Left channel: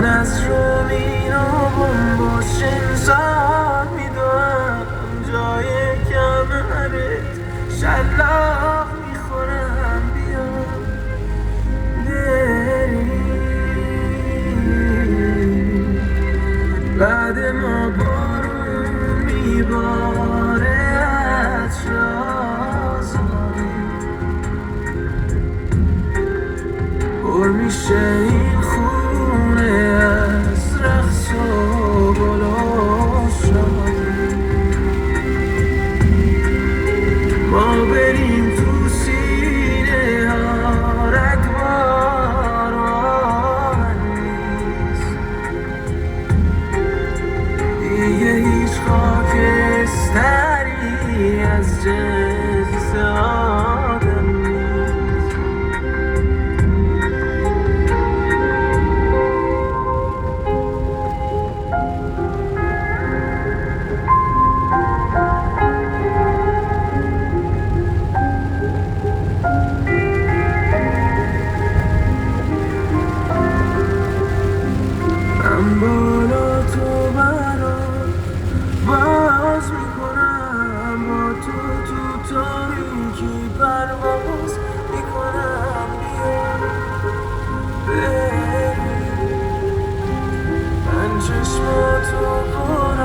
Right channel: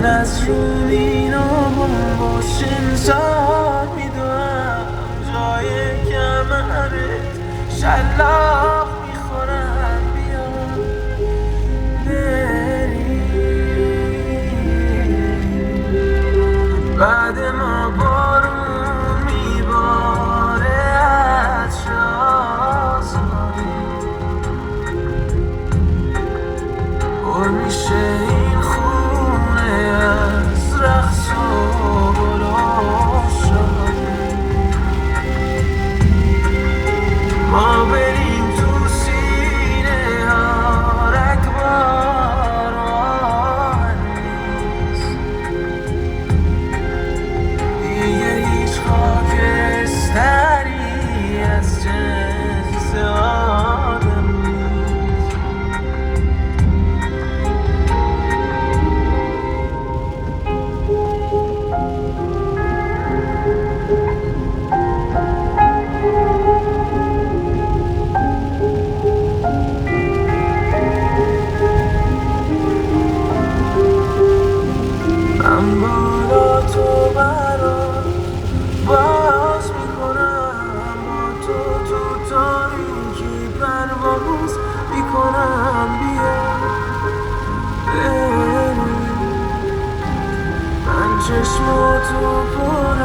من از رومینام با شنزار میدونم جای کمرت شلاق میخورم بیا بری بعد ما بارون میباره از شازوری پر میشه این خونه از رقص و گل و شادی ما بریم تو سینه ها رگبار نیست دیگه هیچ خاکستری از جنس آدم نیست من بالا تو برات باز میکنم با تو تو تاریکی پرواز میکنم بیا بری من چشم